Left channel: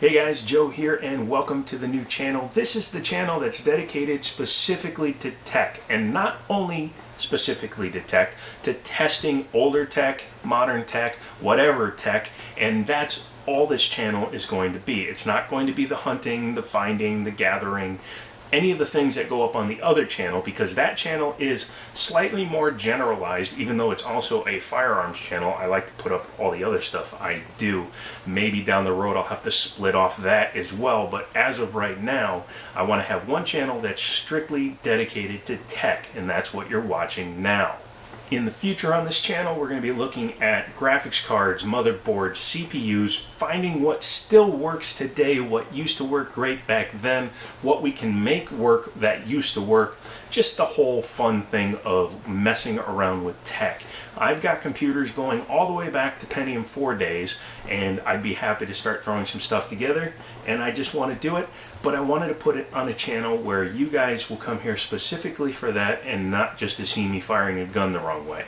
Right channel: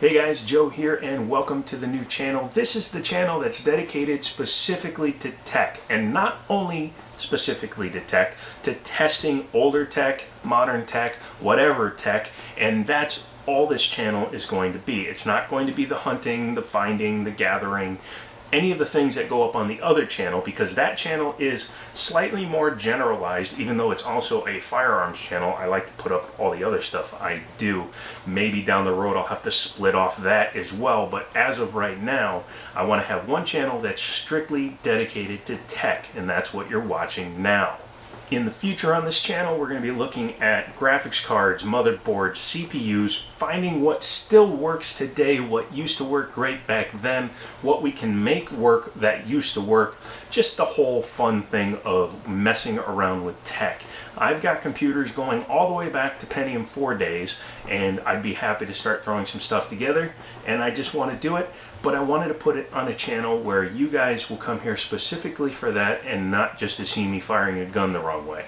Hey guys, Joe here and welcome to the new channel. This is the channel that's dedicated specifically to tech, and not only specifically to tech, to testing older tech, modern tech, whatever tech, and that's all this channel is going to be. It's not going to be the hunting, the finding, the gathering, any of the things that go up on the other channel, because that channel is slightly more generalized. Even though it's also a firearms channel, I like to put up all the other stuff I do. Maybe down the road I'll have to split off that as well, but as of right now I want to have one channel that's strictly dedicated to tech, and that's what you're watching now. In the future on this channel, we're going to be looking at graphics cards, motherboards, CPUs, finding what still works today, what used to work great back then, what we can make work that used to work, just the whole fun thing of messing around with tech. I've got computers going all the way back to Pentium 4 days, and I'd be happy to start throwing some stuff together, and I just want to do it. But I wanted to put it on a channel where you guys will come here specifically for that and not just to see me firing a gun the wrong way.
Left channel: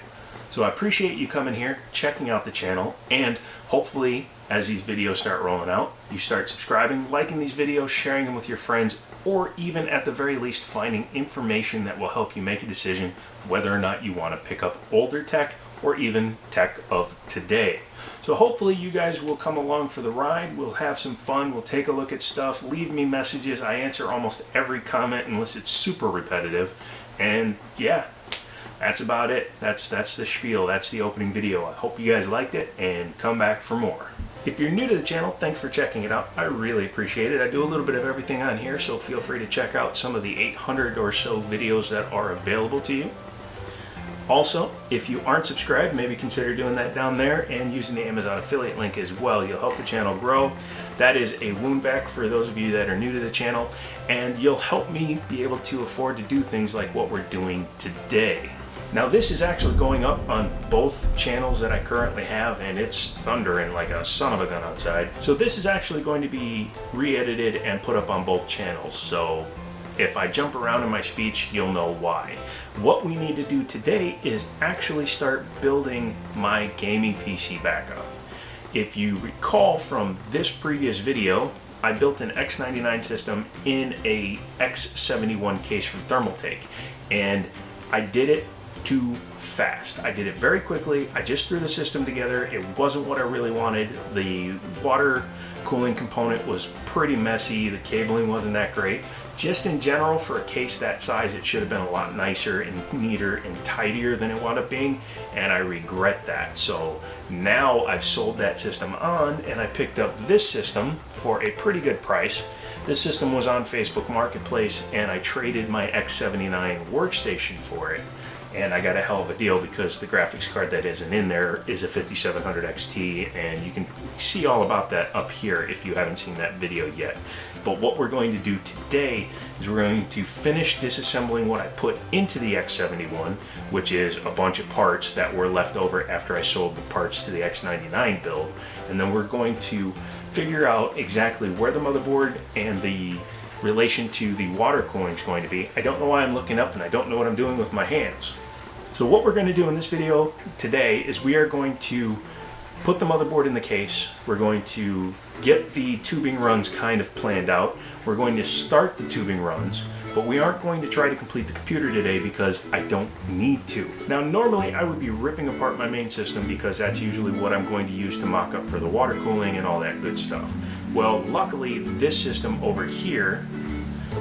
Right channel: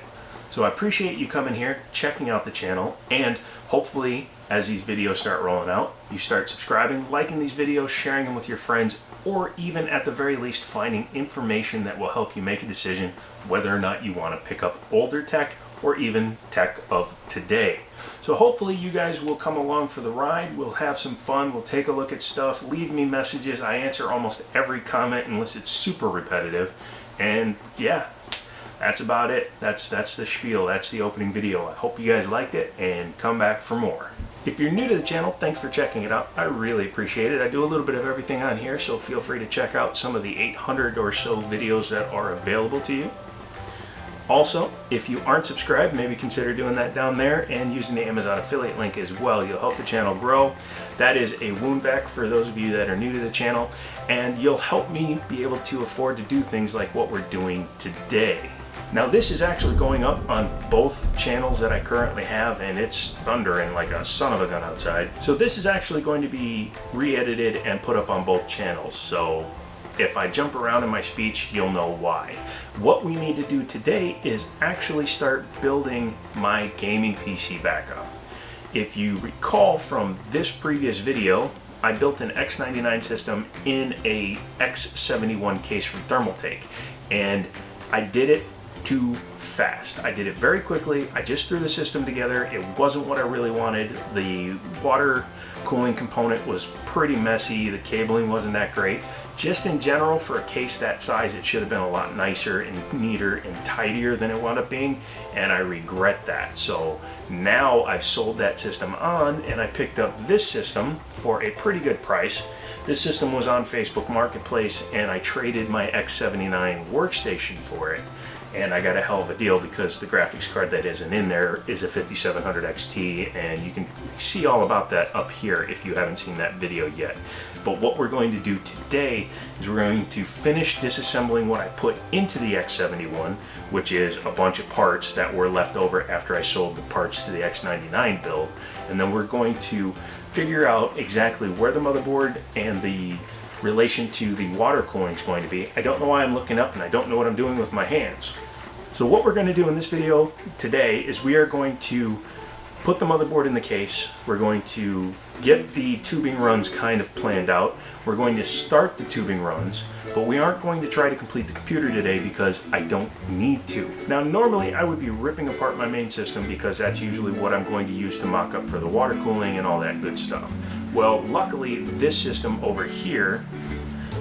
So I appreciate you coming here, checking out the channel, and hopefully as these videos start rolling out, you start subscribing, liking these videos, sharing them with your friends, or even at the very least finding information that will help you make a decision whether or not you want to pick up older tech or even tech of today. So hopefully you guys will come along for the ride. We'll have some fun. We'll take a look at stuff. Leave me messages. I answer almost every comment unless it's super repetitive. And yeah, that's about it. That's the spiel. That's the opening video. I hope you guys liked it and come back for more. If you're new to the channel, thanks for checking it out. I really appreciate it. I do a little bit of everything on here, so feel free to check out some of the 800 or so videos that are available to you. Also, if you aren't subscribed, maybe consider doing that down there and using the Amazon affiliate link as well. You'll help the channel grow. That is a wound vac for those of you that are new to the channel, and you'll help me be able to afford to do things like what we're doing today. Now this is actually going up on both channels that I currently have, and it's thundering like a son of a gun outside. So this is actually going to be re-edited and put up on both channels. So if I jump around in my speech, you'll know why. What we need to do today is actually start building my gaming PC back up. If you recall from this previous video, I built an X99 system in a X71 case from Thermaltake, and I did it too fast. I did it very quickly. I just threw the system together. It wasn't what I really wanted. The water cooling component was pretty messy. The cabling wasn't that great. Just in general, for a case that size, it should have been a lot nicer and neater and tidier than it wound up being, and I regret that. So now I've sold that system on, and I picked up this system for a pretty good price. This system was on Facebook Marketplace, and I traded my X79 workstation for it. And I got a hell of a deal because the graphics card that isn't in there is a 5700 XT, and you can see all about that up here if you haven't seen that video yet. But what we're going to do today is we're going to finish disassembling what I put into the X71, which is a bunch of parts that were left over after I sold the parts to the X99 build. And then we're going to figure out exactly where the motherboard and the relation to the water cooling is going to be. I don't know why I'm looking up, and I don't know what I'm doing with my hands. So what we're going to do in this video today is we are going to put the motherboard in the case. We're going to get the tubing runs kind of planned out. We're going to start the tubing runs, but we aren't going to try to complete the computer today because I don't need to. Now normally I would be ripping apart my main system because that's usually what I'm going to use to mock up for the water cooling and all that good stuff. Well, luckily this system over here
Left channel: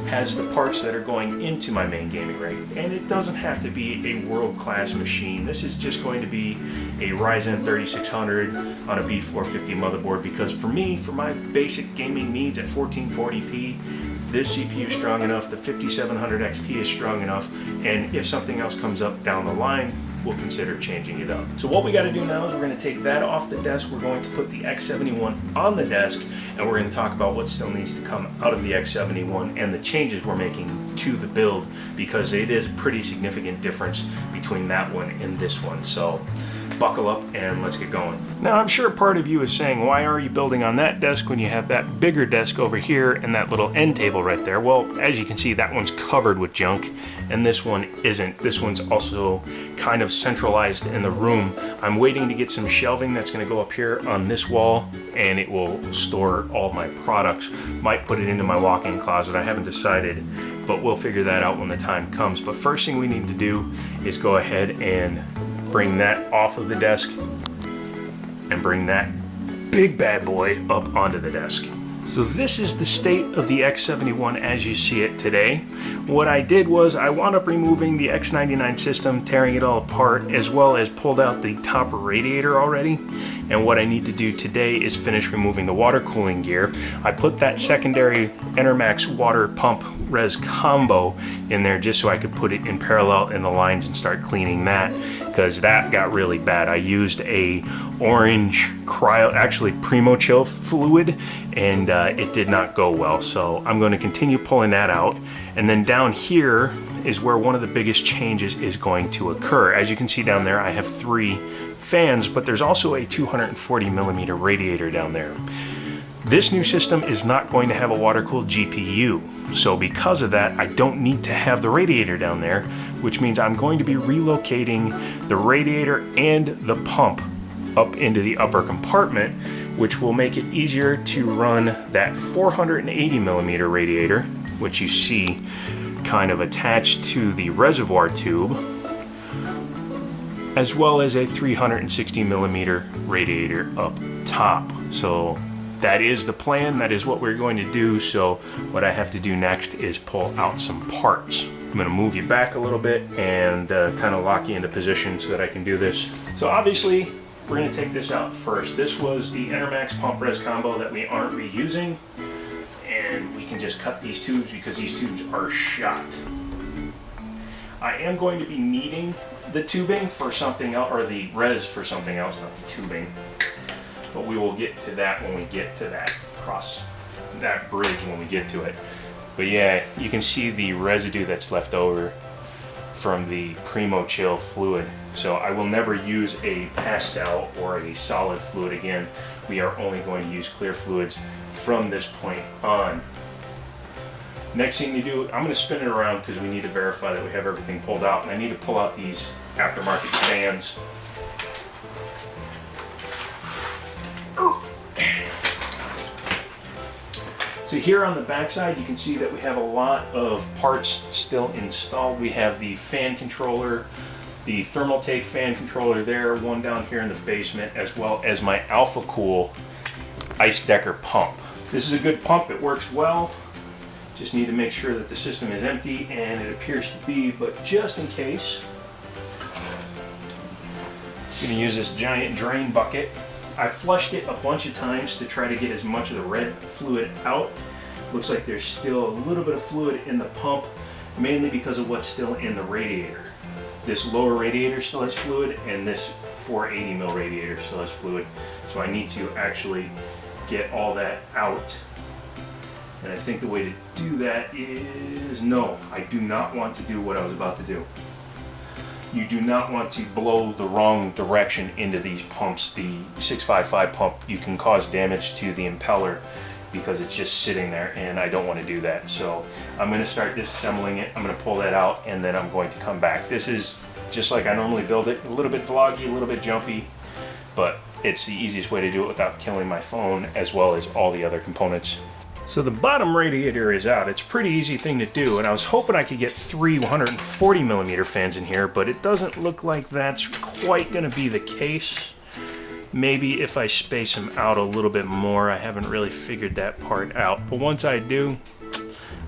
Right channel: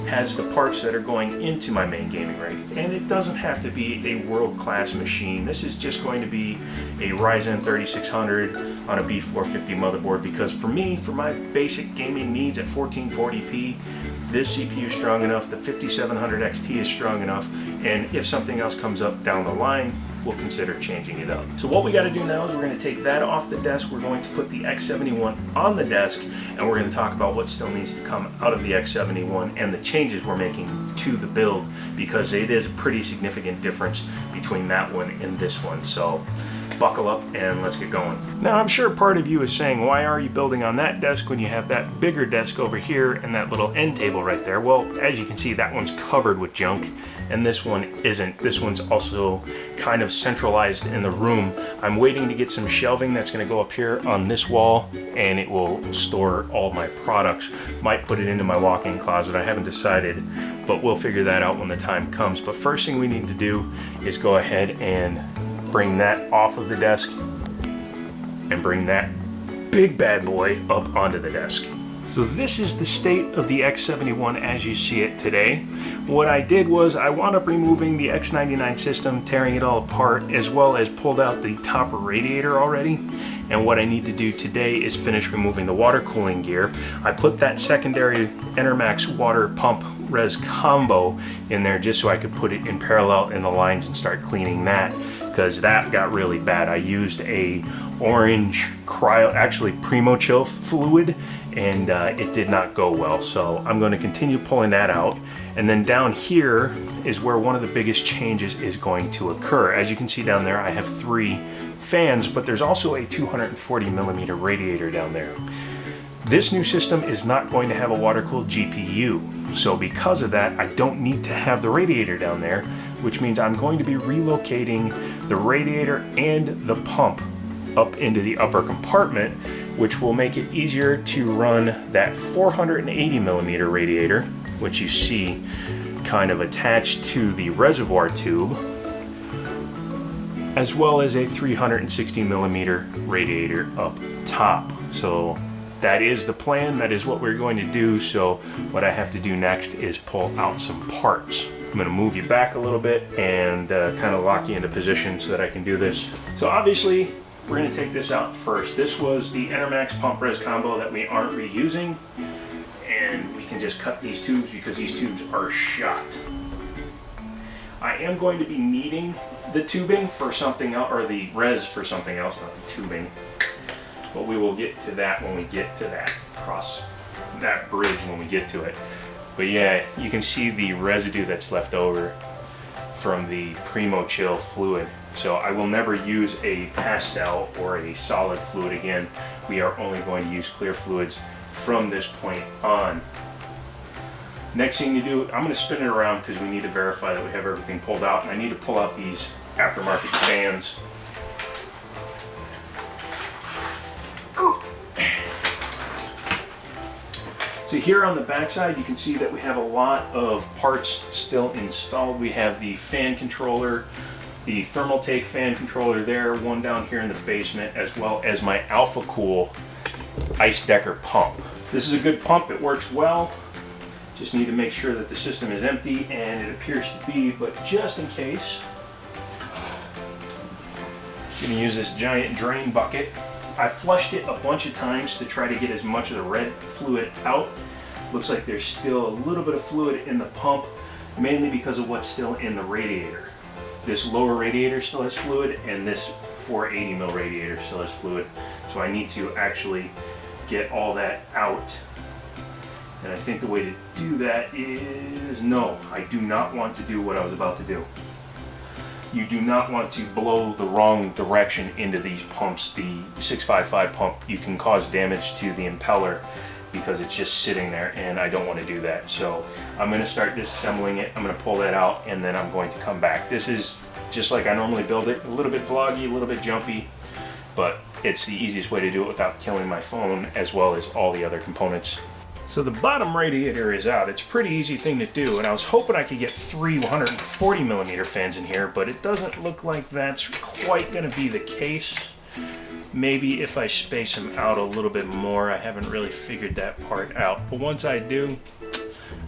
has the parts that are going into my main gaming rig, and it doesn't have to be a world-class machine. This is just going to be a Ryzen 3600 on a B450 motherboard, because for me, for my basic gaming needs at 1440p, this CPU is strong enough, the 5700 XT is strong enough, and if something else comes up down the line, we'll consider changing it up. So what we got to do now is we're going to take that off the desk, we're going to put the X71 on the desk, and we're going to talk about what still needs to come out of the X71 and the changes we're making to the build, because it is a pretty significant difference between that one and this one. So buckle up and let's get going. Now I'm sure part of you is saying, why are you building on that desk when you have that bigger desk over here and that little end table right there? Well, as you can see, that one's covered with junk and this one isn't. This one's also kind of centralized in the room. I'm waiting to get some shelving that's going to go up here on this wall and it will store all my products. Might put it into my walk-in closet. I haven't decided, but we'll figure that out when the time comes. But first thing we need to do is go ahead and bring that off of the desk and bring that big bad boy up onto the desk. So this is the state of the X71 as you see it today. What I did was I wound up removing the X99 system, tearing it all apart, as well as pulled out the top radiator already. And what I need to do today is finish removing the water cooling gear. I put that secondary Enermax water pump res combo in there just so I could put it in parallel in the lines and start cleaning that, because that got really bad. I used a orange actually Primo Chill fluid, and it did not go well. So I'm going to continue pulling that out. And then down here is where one of the biggest changes is going to occur. As you can see down there, I have 3 fans, but there's also a 240 millimeter radiator down there. This new system is not going to have a water-cooled GPU, so because of that, I don't need to have the radiator down there, which means I'm going to be relocating the radiator and the pump up into the upper compartment, which will make it easier to run that 480 millimeter radiator, which you see kind of attached to the reservoir tube, as well as a 360 millimeter radiator up top. So that is the plan, that is what we're going to do. So what I have to do next is pull out some parts. I'm going to move you back a little bit and kind of lock you into position so that I can do this. So obviously we're going to take this out first. This was the Enermax pump res combo that we aren't reusing, and we can just cut these tubes because these tubes are shot. I am going to be needing the tubing for something else, or the res for something else, not the tubing. But we will get to that when we get to that, cross that bridge when we get to it. But yeah, you can see the residue that's left over from the Primo Chill fluid. So I will never use a pastel or a solid fluid again. We are only going to use clear fluids from this point on. Next thing you do, I'm going to spin it around because we need to verify that we have everything pulled out, and I need to pull out these aftermarket fans. So here on the backside, you can see that we have a lot of parts still installed. We have the fan controller, the Thermaltake fan controller there, one down here in the basement, as well as my Alpha Cool Ice Decker pump. This is a good pump, it works well. Just need to make sure that the system is empty, and it appears to be, but just in case, I'm going to use this giant drain bucket. I flushed it a bunch of times to try to get as much of the red fluid out. Looks like there's still a little bit of fluid in the pump, mainly because of what's still in the radiator. This lower radiator still has fluid, and this 480 mil radiator still has fluid. So I need to actually get all that out. And I think the way to do that is, no, I do not want to do what I was about to do. You do not want to blow the wrong direction into these pumps. The 655 pump, you can cause damage to the impeller because it's just sitting there, and I don't want to do that. So I'm going to start disassembling it. I'm going to pull that out, and then I'm going to come back. This is just like I normally build it, a little bit vloggy, a little bit jumpy, but it's the easiest way to do it without killing my phone as well as all the other components. So the bottom radiator is out. It's a pretty easy thing to do, and I was hoping I could get 3 140 millimeter fans in here, but it doesn't look like that's quite going to be the case. Maybe if I space them out a little bit more. I haven't really figured that part out, but once I do,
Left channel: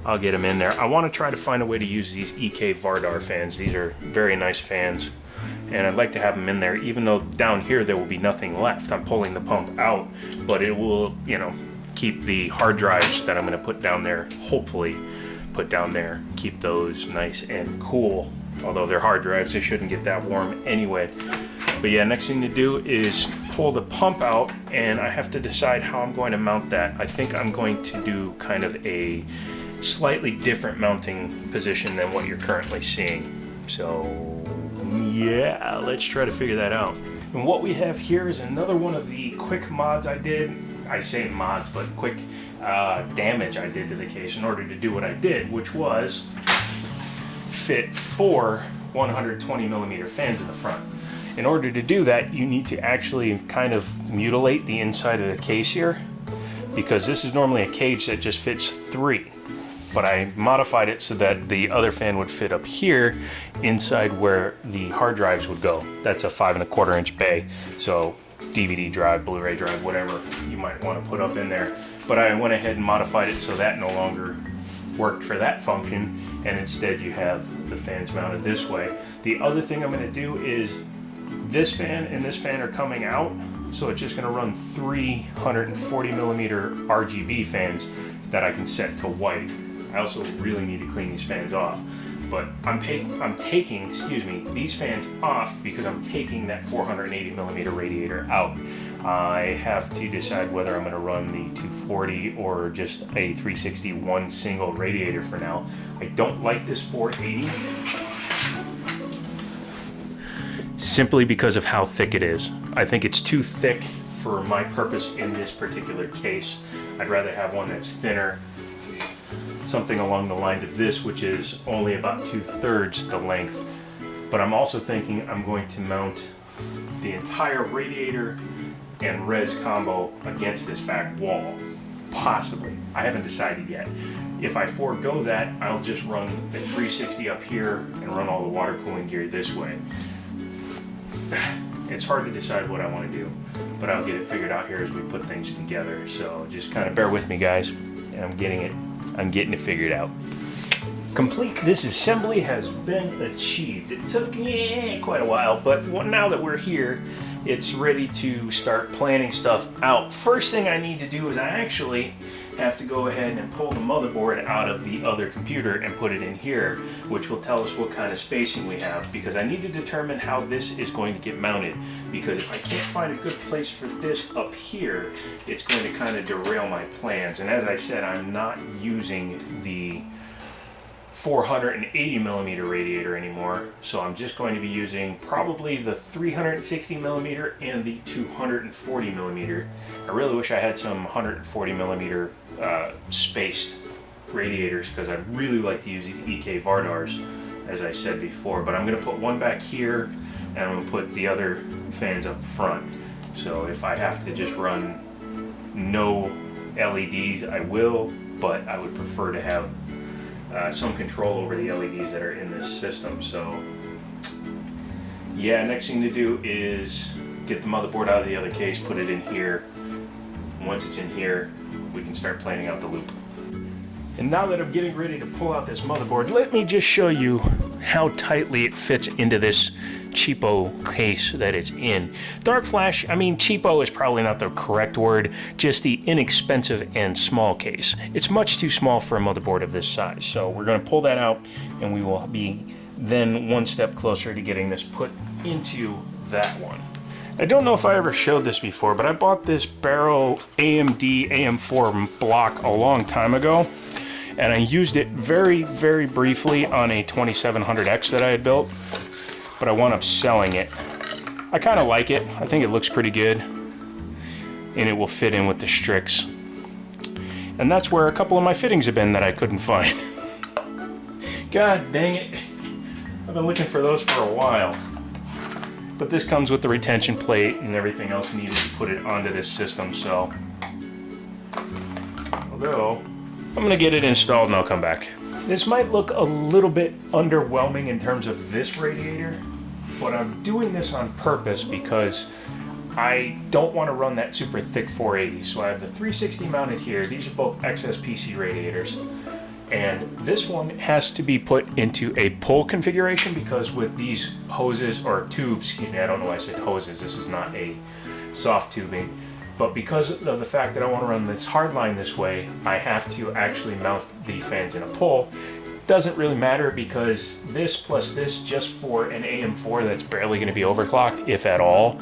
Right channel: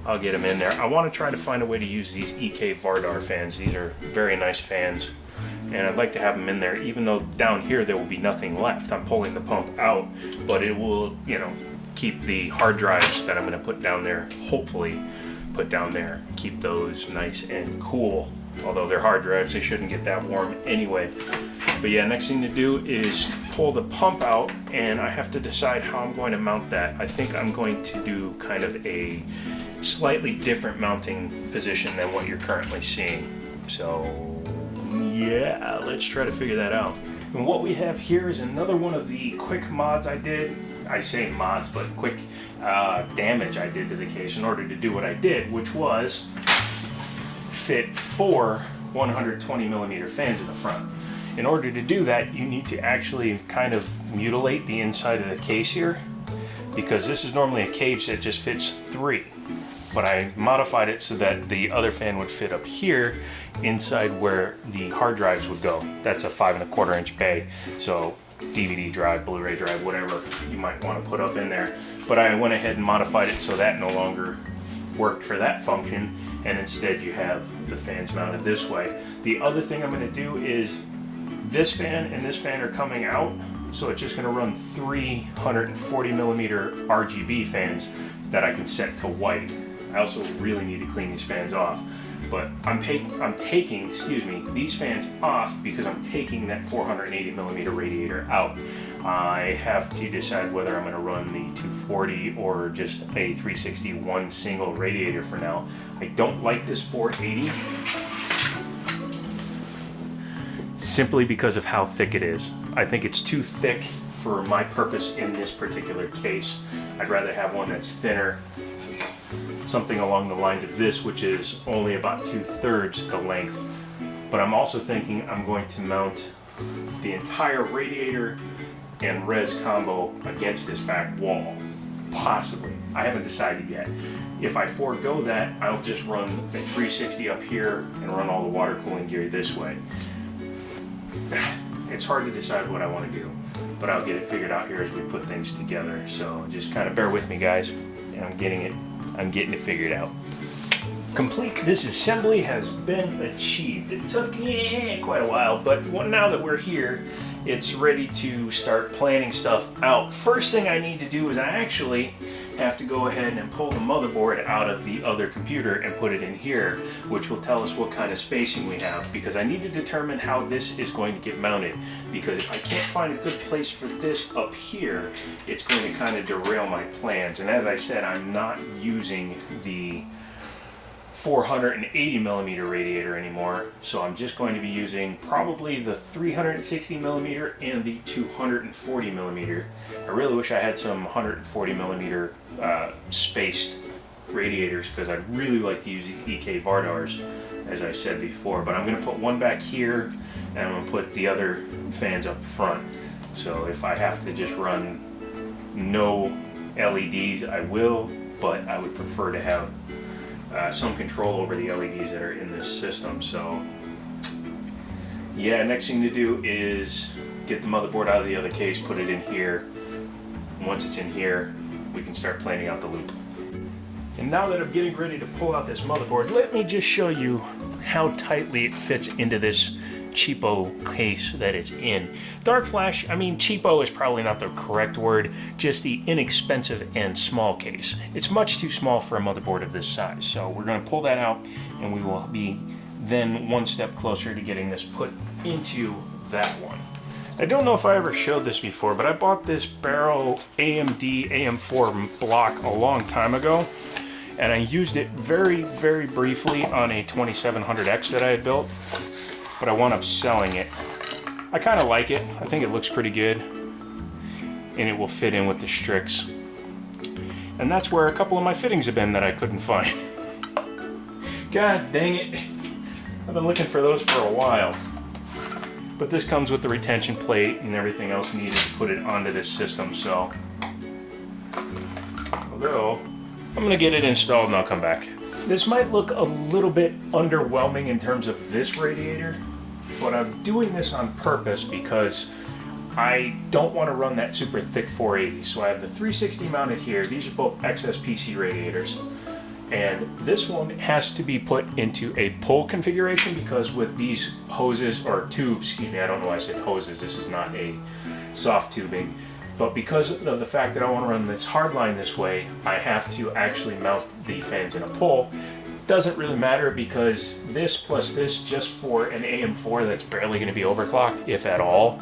I'll get them in there. I want to try to find a way to use these EK Vardar fans. These are very nice fans, and I'd like to have them in there, even though down here there will be nothing left. I'm pulling the pump out, but it will, you know, keep the hard drives that I'm going to put down there, hopefully put down there, keep those nice and cool. Although they're hard drives, they shouldn't get that warm anyway. But yeah, next thing to do is pull the pump out, and I have to decide how I'm going to mount that. I think I'm going to do kind of a slightly different mounting position than what you're currently seeing. So yeah, let's try to figure that out. And what we have here is another one of the quick mods I did. I say mods, but quick damage I did to the case in order to do what I did, which was fit 4 120mm fans in the front. In order to do that, you need to actually kind of mutilate the inside of the case here, because this is normally a cage that just fits 3. But I modified it so that the other fan would fit up here inside where the hard drives would go. That's a 5 1/4 inch bay, so DVD drive, Blu-ray drive, whatever you might want to put up in there. But I went ahead and modified it so that no longer worked for that function, and instead you have the fans mounted this way. The other thing I'm going to do is this fan and this fan are coming out, so it's just going to run 3 140mm RGB fans that I can set to white. I also really need to clean these fans off, but I'm taking, these fans off because I'm taking that 480mm radiator out. I have to decide whether I'm going to run the 240 or just a 361 single radiator for now. I don't like this 480 simply because of how thick it is. I think it's too thick for my purpose in this particular case. I'd rather have one that's thinner, something along the lines of this, which is only about 2/3 the length. But I'm also thinking I'm going to mount the entire radiator and res combo against this back wall, possibly. I haven't decided yet. If I forego that, I'll just run the 360 up here and run all the water cooling gear this way. It's hard to decide what I want to do, but I'll get it figured out here as we put things together. So just kind of bear with me, guys, and I'm getting it figured out. Complete disassembly has been achieved. It took quite a while, but now that we're here, it's ready to start planning stuff out. First thing I need to do is I actually have to go ahead and pull the motherboard out of the other computer and put it in here, which will tell us what kind of spacing we have, because I need to determine how this is going to get mounted, because if I can't find a good place for this up here, it's going to kind of derail my plans. And as I said, I'm not using the 480mm radiator anymore, so I'm just going to be using probably the 360mm and the 240mm. I really wish I had some 140mm spaced radiators, because I'd really like to use these EK Vardars, as I said before. But I'm going to put one back here, and I'm going to put the other fans up front. So if I have to just run no LEDs, I will, but I would prefer to have some control over the LEDs that are in this system. So yeah, next thing to do is get the motherboard out of the other case, put it in here. Once it's in here, we can start planning out the loop. And now that I'm getting ready to pull out this motherboard, let me just show you how tightly it fits into this cheapo case that it's in. Dark Flash, I mean, cheapo is probably not the correct word, just the inexpensive and small case. It's much too small for a motherboard of this size. So we're going to pull that out, and we will be then one step closer to getting this put into that one. I don't know if I ever showed this before, but I bought this Barrow AMD AM4 block a long time ago, and I used it very, very briefly on a 2700X that I had built, but I wound up selling it. I kind of like it. I think it looks pretty good, and it will fit in with the Strix. And that's where a couple of my fittings have been that I couldn't find. God dang it. I've been looking for those for a while. But this comes with the retention plate and everything else needed to put it onto this system, so. Although, I'm going to get it installed and I'll come back. This might look a little bit underwhelming in terms of this radiator, but I'm doing this on purpose because I don't want to run that super thick 480. So I have the 360 mounted here. These are both XSPC radiators. And this one has to be put into a pull configuration, because with these hoses, or tubes, excuse me, I don't know why I said hoses, this is not a soft tubing, but because of the fact that I want to run this hardline this way, I have to actually mount the fans in a pull. Doesn't really matter, because this plus this, just for an AM4 that's barely going to be overclocked, if at all,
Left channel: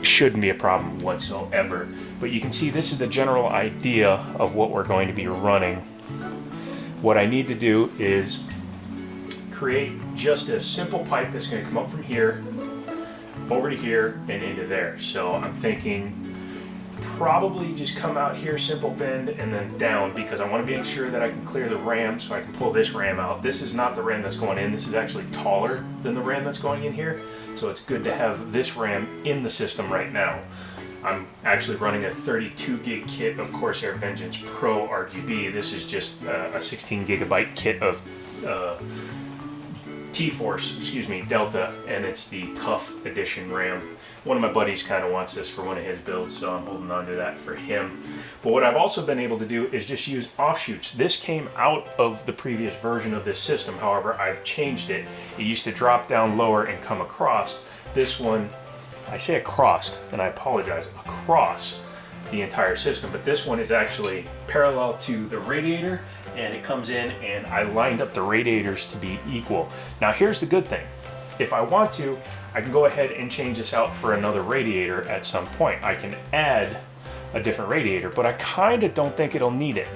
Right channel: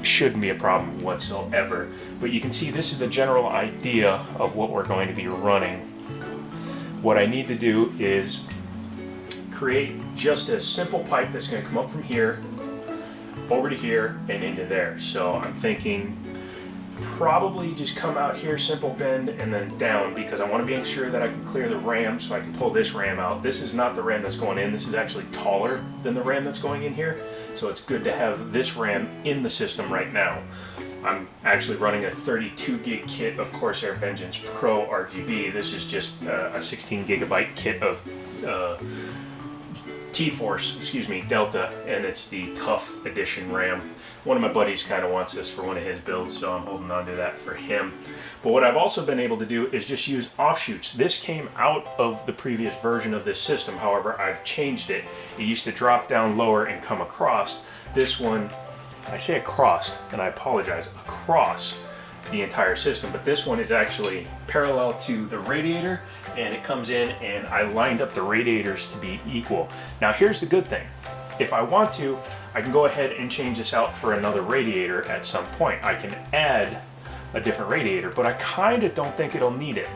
shouldn't be a problem whatsoever. But you can see this is the general idea of what we're going to be running. What I need to do is create just a simple pipe that's going to come up from here, over to here and into there. So I'm thinking probably just come out here, simple bend, and then down, because I want to make sure that I can clear the RAM so I can pull this RAM out. This is not the RAM that's going in. This is actually taller than the RAM that's going in here. So it's good to have this RAM in the system right now. I'm actually running a 32 gig kit of Corsair Vengeance Pro RGB. This is just a 16 gigabyte kit of Delta, and it's the Tough Edition RAM. One of my buddies kind of wants this for one of his builds, so I'm holding on to that for him. But what I've also been able to do is just use offshoots. This came out of the previous version of this system, however, I've changed it. It used to drop down lower and come across. This one, I say across, and I apologize, across the entire system, but this one is actually parallel to the radiator, and it comes in, and I lined up the radiators to be equal. Now here's the good thing. If I want to, I can go ahead and change this out for another radiator at some point. I can add a different radiator, but I kind of don't think it'll need it.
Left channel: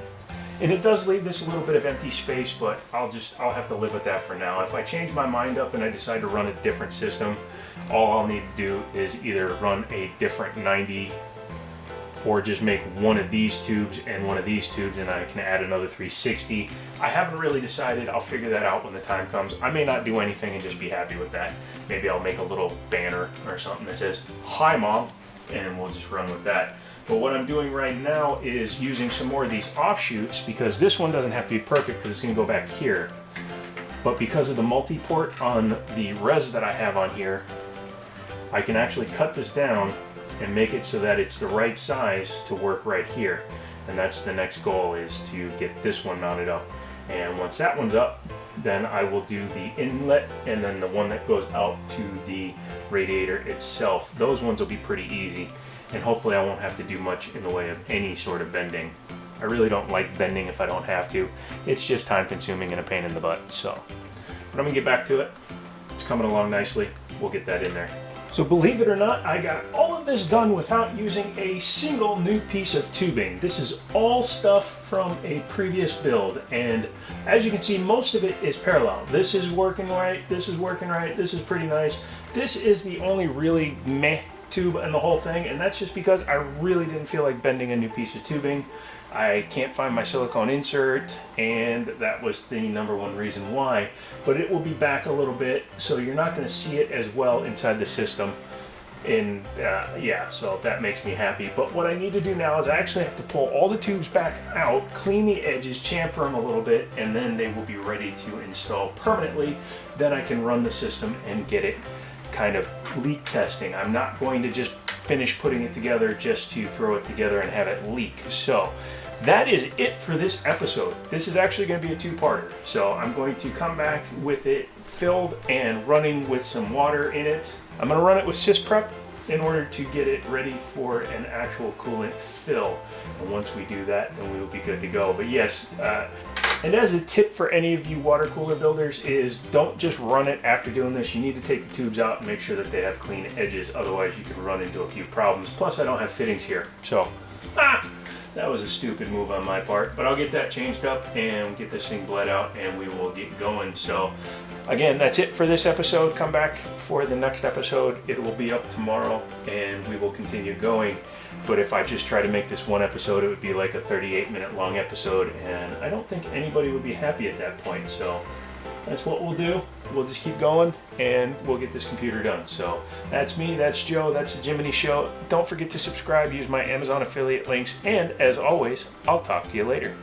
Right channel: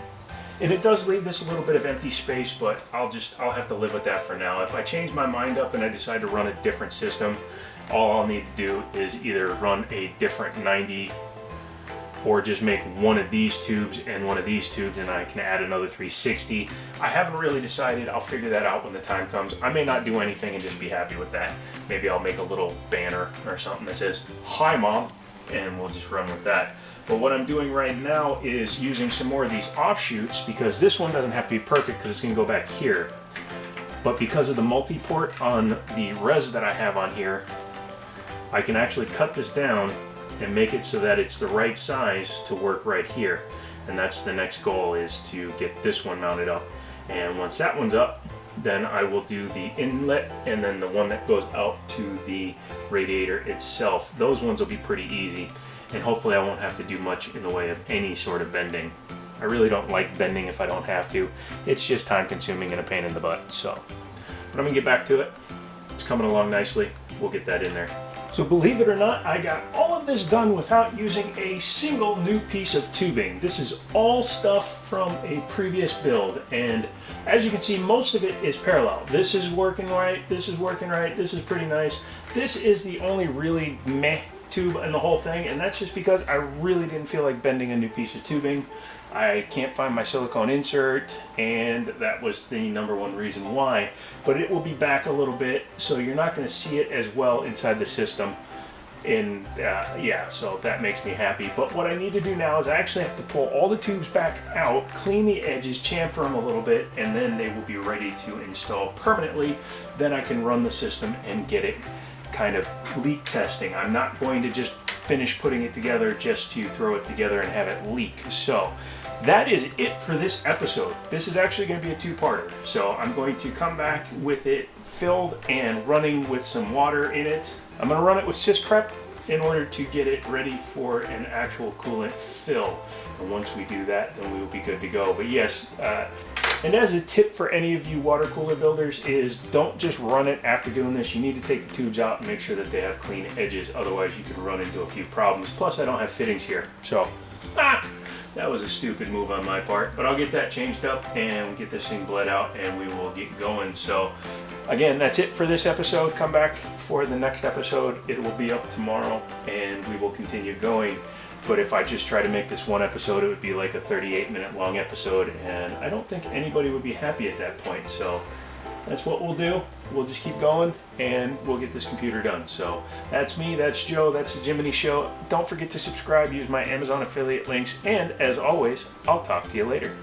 And it does leave this a little bit of empty space, but I'll have to live with that for now. If I change my mind up and I decide to run a different system, all I'll need to do is either run a different 90 or just make one of these tubes and one of these tubes, and I can add another 360. I haven't really decided. I'll figure that out when the time comes. I may not do anything and just be happy with that. Maybe I'll make a little banner or something that says, "Hi Mom," and we'll just run with that. But what I'm doing right now is using some more of these offshoots, because this one doesn't have to be perfect because it's going to go back here. But because of the multi-port on the res that I have on here, I can actually cut this down and make it so that it's the right size to work right here. And that's the next goal, is to get this one mounted up. And once that one's up, then I will do the inlet and then the one that goes out to the radiator itself. Those ones will be pretty easy, and hopefully I won't have to do much in the way of any sort of bending. I really don't like bending if I don't have to. It's just time consuming and a pain in the butt. So, but I'm gonna get back to it. It's coming along nicely. We'll get that in there. So believe it or not, I got all of this done without using a single new piece of tubing. This is all stuff from a previous build, and as you can see, most of it is parallel. This is working right, this is working right, this is pretty nice. This is the only really meh tube in the whole thing, and that's just because I really didn't feel like bending a new piece of tubing. I can't find my silicone insert, and that was the #1 reason why. But it will be back a little bit, so you're not going to see it as well inside the system. And yeah, so that makes me happy. But what I need to do now is I actually have to pull all the tubes back out, clean the edges, chamfer them a little bit, and then they will be ready to install permanently. Then I can run the system and get it kind of leak testing. I'm not going to just finish putting it together just to throw it together and have it leak. So that is it for this episode. This is actually going to be a two-parter. So I'm going to come back with it filled and running with some water in it. I'm going to run it with SysPrep in order to get it ready for an actual coolant fill. And once we do that, then we will be good to go. But yes, and as a tip for any of you water cooler builders, is don't just run it after doing this. You need to take the tubes out and make sure that they have clean edges. Otherwise, you could run into a few problems. Plus, I don't have fittings here. So, that was a stupid move on my part. But I'll get that changed up and get this thing bled out, and we will get going. So, again, that's it for this episode. Come back for the next episode. It will be up tomorrow, and we will continue going. But if I just try to make this one episode, it would be like a 38-minute long episode, and I don't think anybody would be happy at that point. So that's what we'll do. We'll just keep going, and we'll get this computer done. So that's me, that's Joe, that's the Jiminy Show. Don't forget to subscribe, use my Amazon affiliate links, and as always, I'll talk to you later.